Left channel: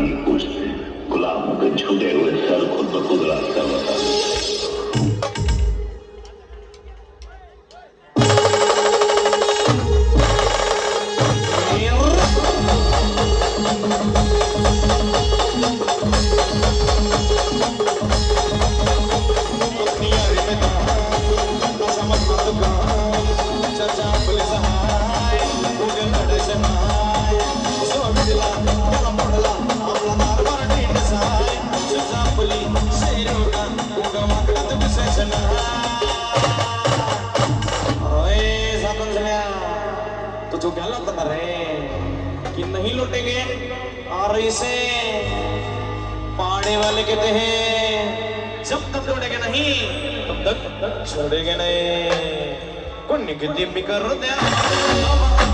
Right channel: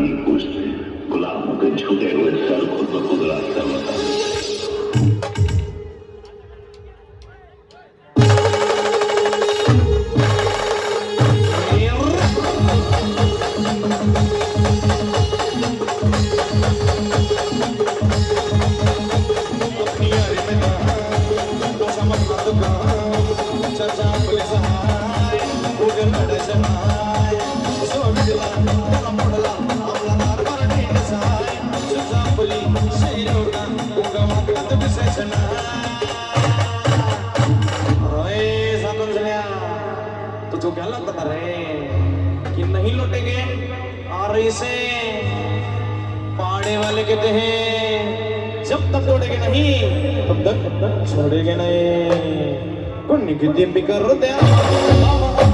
की पूछ से गुलाम के छूटे हुए सर खुद ब खुद रास्ता बता दे। तो जो क्या लगता रे कि नहीं लौटेंगे और इसे पाने वाले कहते हैं जब तक छोड़ेंगे नहीं तब तक छोड़ेंगे नहीं कुन्नी कितनी भी करो दे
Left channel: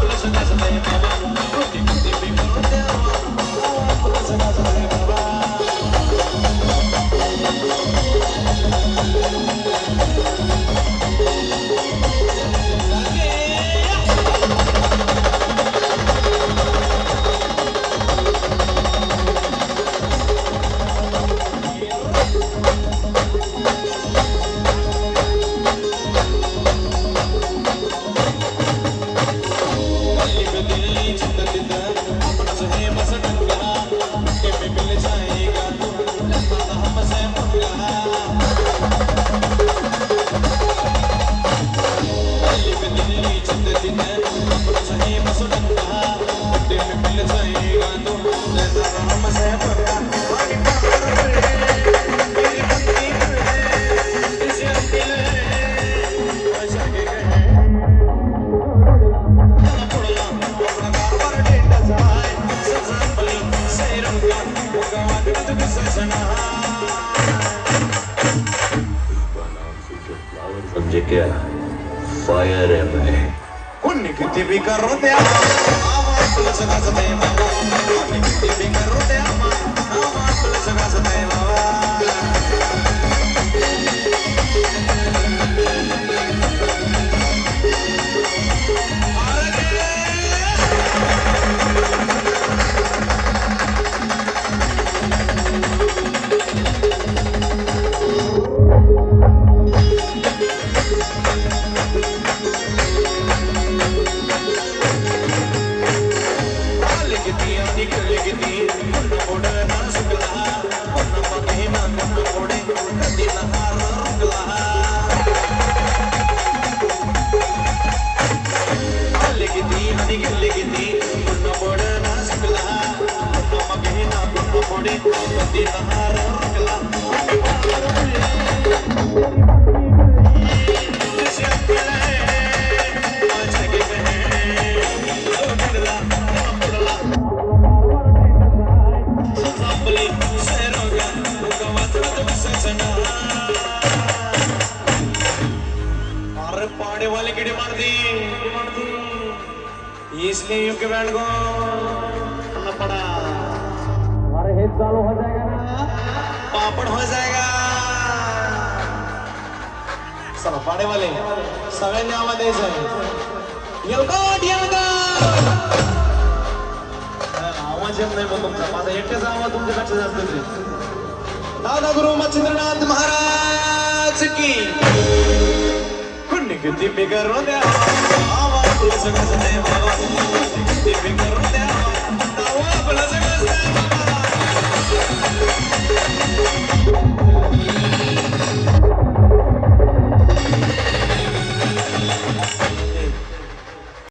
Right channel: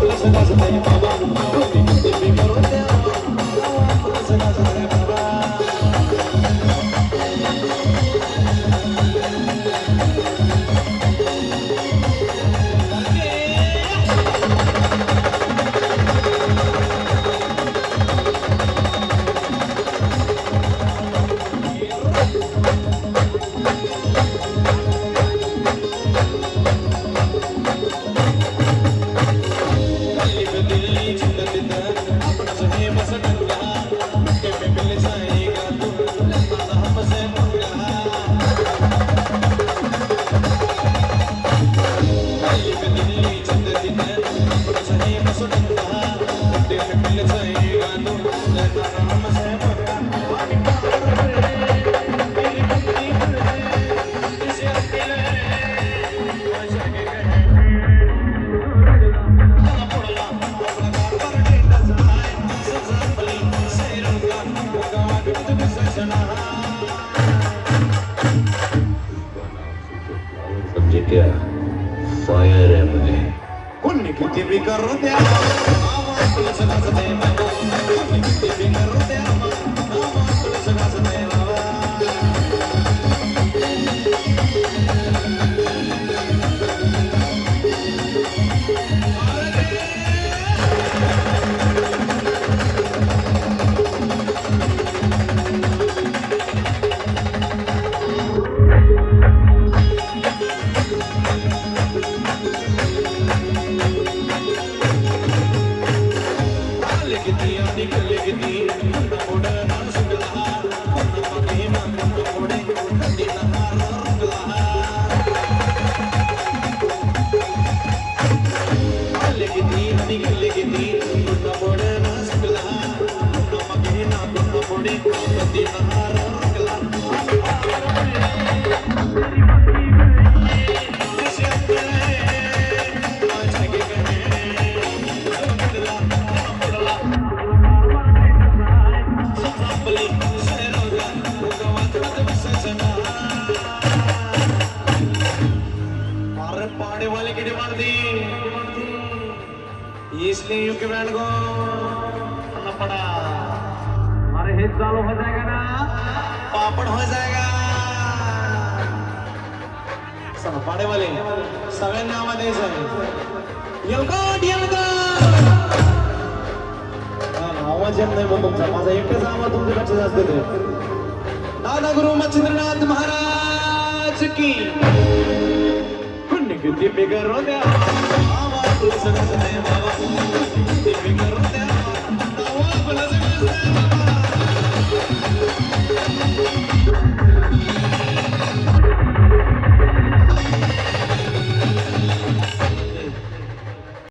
पुलिस का सताए कुन्नी कितनी भी करो दे पुलिस का सताए समझे क्या फायर है मैं कुन्नी कितनी भी करो दे पुलिस का सताए कुन्नी कितनी भी करो दे पुलिस का सताए पाड़े वाले की डिमांड दी इसलिए यूं के बैंड को पड़ा हमारे हित चालू हो जाएगा ना पापड़ हो जाएगा सब पाड़े वाले सगळ्यांनी आवाज द्यायचा आवाज येत नाही मग तुमचा माझा एकच आवाज तुमच्याकडे जास्त येतोय दादा गुरु मच्छिंद्रनाथ महाराज की कितनी बिगर रो दे आवाज पुलिस का सताए बाबा कितनी बिगर रो दे आवाज पुलिस का सताए